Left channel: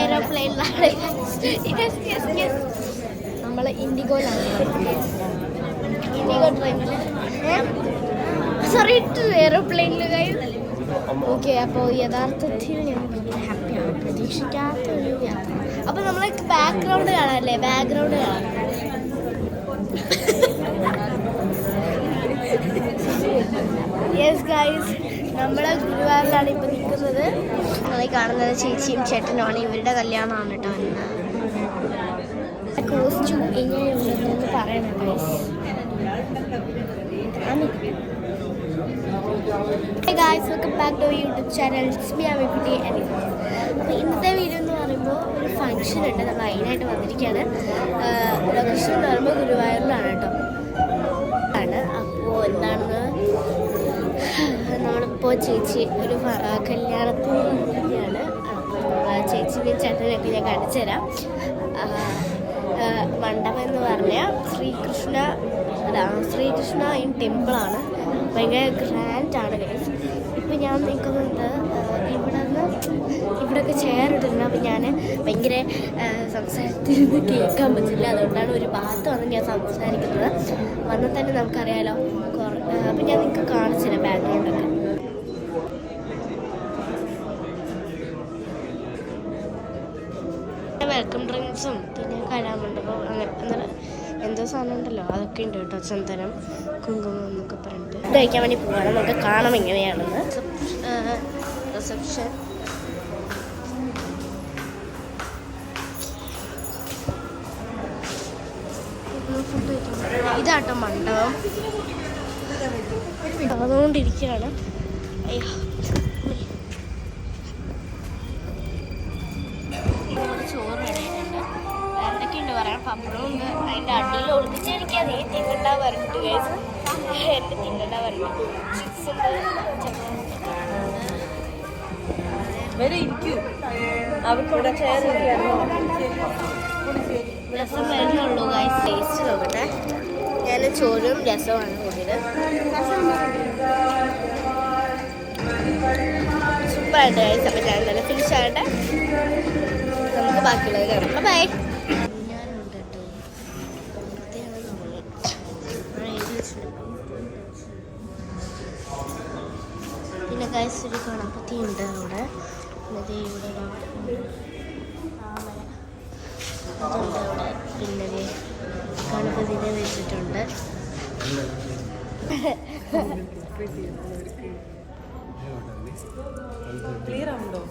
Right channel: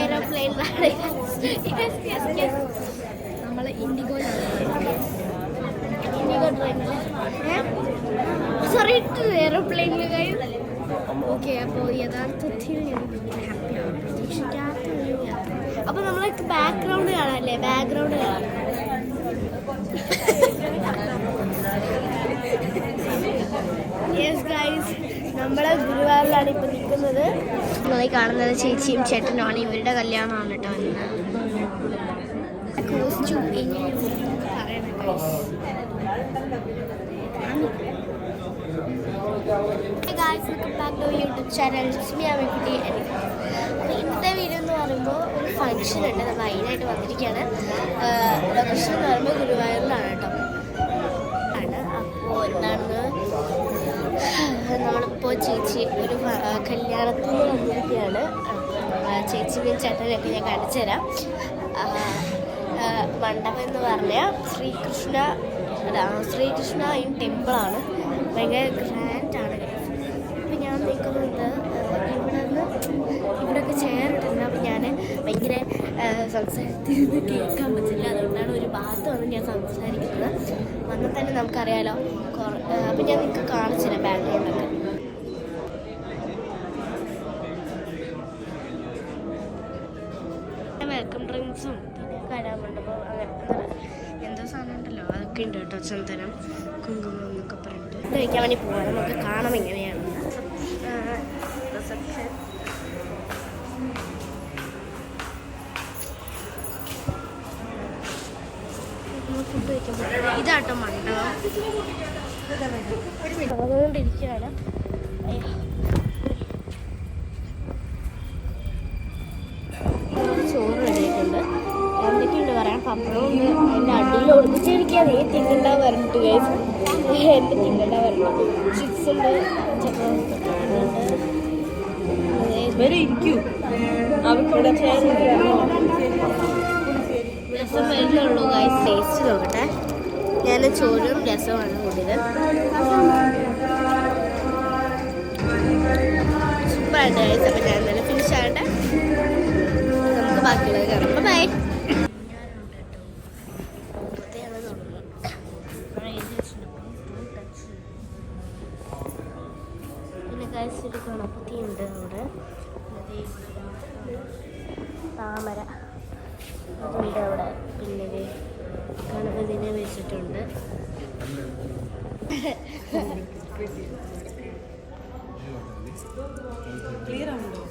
എയ്റോപ്ലെയിനിലാണ്. നമ്മൾ ഇൻഡിഗോയിലാണ്. ഇൻഡിഗോ ട്രെയിനിൽ സോറി എയ്റോപ്ലെയിനിൽ കഴിയും. ഓക്കെ, അപ്പോൾ യഥാർത്ഥത്തിൽ പ്രതീക്ഷിക്കാത്ത ഒരു യാത്ര. അപ്പോൾ നമ്മൾ ബാക്ക്ഗ്രൗണ്ട് കാണാമല്ലേ? ബാക്ക്ഗ്രൗണ്ട് കാണാം. യെസ് ഗൈസ്, നമ്മൾ ഗുരുവായൂരിലാണ് ഇപ്പോൾ നിൽക്കുന്നത്. നിങ്ങൾ കാണുന്നത് ചേച്ചിയും ചേട്ടനുമാണ്. ഇവരുടെ കല്യാണമാണ് കേട്ടോ ഇന്ന്. കോസ്റ്റ്യൂം എങ്ങനെയുണ്ടെന്ന് പറയണം. Hey guys, welcome back to our YouTube channel. It's me, Amikkutti. അപ്പോൾ ഇന്നത്തെ വീഡിയോ എന്ന് പറയുമ്പോൾ ഒരു ഫംഗ്ഷൻ ഉണ്ട്. നമ്മൾ അതിനായിട്ട് വന്നിരിക്കുകയാണ്. ലൊക്കേഷൻ എന്ന് പറയുമ്പോൾ ഗുരുവായൂരിലാണ് കേട്ടോ ആണ്. അപ്പോൾ എന്താണെന്ന് നമ്മളിപ്പോൾ ചേച്ചി ഒരു കല്യാണത്തിന് വന്നിരിക്കുകയാണ്. അപ്പോൾ നമ്മൾ ചേച്ചിനെയും ചേട്ടനെയൊക്കെ ഞാൻ കാണിച്ചു തരാം. മണ്ഡപം എന്ന് പറഞ്ഞാൽ ശ്രീകൃഷ്ണ ഇൻ ടെമ്പിളാണ്. ഭയങ്കര ഗ്രാൻഡാണ് ഗൈസ്. ഇപ്പം ഞാൻ നിൽക്കുന്നത് ഇവിടെയൊക്കെ ചേർന്നിട്ടുണ്ട്. അപ്പം ഞാൻ ഭയങ്കര സംസാരത്തിരുന്ന് കേൾക്കാൻ പറ്റില്ല. അതുകൊണ്ടാണ് ഒരു ഭാഗത്ത് വന്ന് ഞാൻ സംസാരിക്കുന്നത്. വന്നാൽ തന്നെ നമുക്കറിയാലോ. അപ്പം ഞാൻ നിങ്ങൾക്ക് കാണിച്ചുതരാം ബാക്ക്ഗ്രൗണ്ടൊക്കെ. വെൽക്കം ഡ്രിങ്ക്സും പിന്നെ കലാമണ്ഡപം അങ്ങനെ എന്തോ സാധനം ഉണ്ടല്ലോ, അതൊക്കെ ഉണ്ട് കേട്ടോ. ചന്ദനം, കുങ്കുമം എന്നൊക്കെ പറഞ്ഞിട്ട് ഇത് കഴിക്കാൻ വേണ്ടി പോവാണ്. നമുക്ക് കാണാം എങ്ങനെയാണെന്ന്. റിസപ്ഷൻ ഫുഡ് കഴിക്കാൻ പറ്റില്ല. ഇതാട്ടോ മണ്ഡപം. അതുകൊണ്ടിരിക്കുകയാണ്. അയ്യോ, ചോറ് റെഡിയായിട്ടുണ്ട്. എന്തൊക്കെയുണ്ട് പറയാം. പപ്പടമുണ്ട്. അതിൻ്റെ അടിയിൽ ഒളിപ്പിച്ചിരിക്കാൻ നീ തിന്നണ്ട പറഞ്ഞിട്ട് കേസ് എൻ്റെ തിന്നണ്ട പറഞ്ഞു. ചിപ്സ് ഉണ്ട്, രസം വരുന്നുള്ളൂ ഗൈസ്. ടേസ്റ്റ് നോക്കട്ടെ. ഞാൻ ചോറും രസമാണ് കൂട്ടിയത്. സൂപ്പറായിട്ട് ഗൈസ്. അപ്പം ഞാൻ നല്ല ഫിനിഷ് ആകട്ടെ. നമുക്ക് ബാക്കിയുള്ളത് കാണാം. ബൈ. പിന്നെ ഗൈസ് ഒരു ഗണപതി ഉണ്ട് അവിടെ. പിന്നെ ഇവിടെ ഒരു താമര അതുണ്ട് അവിടെ. പിന്നെ ഗണപതിനെ വെച്ചിട്ടുണ്ട്. ക്ലിയർ ആണല്ലോ.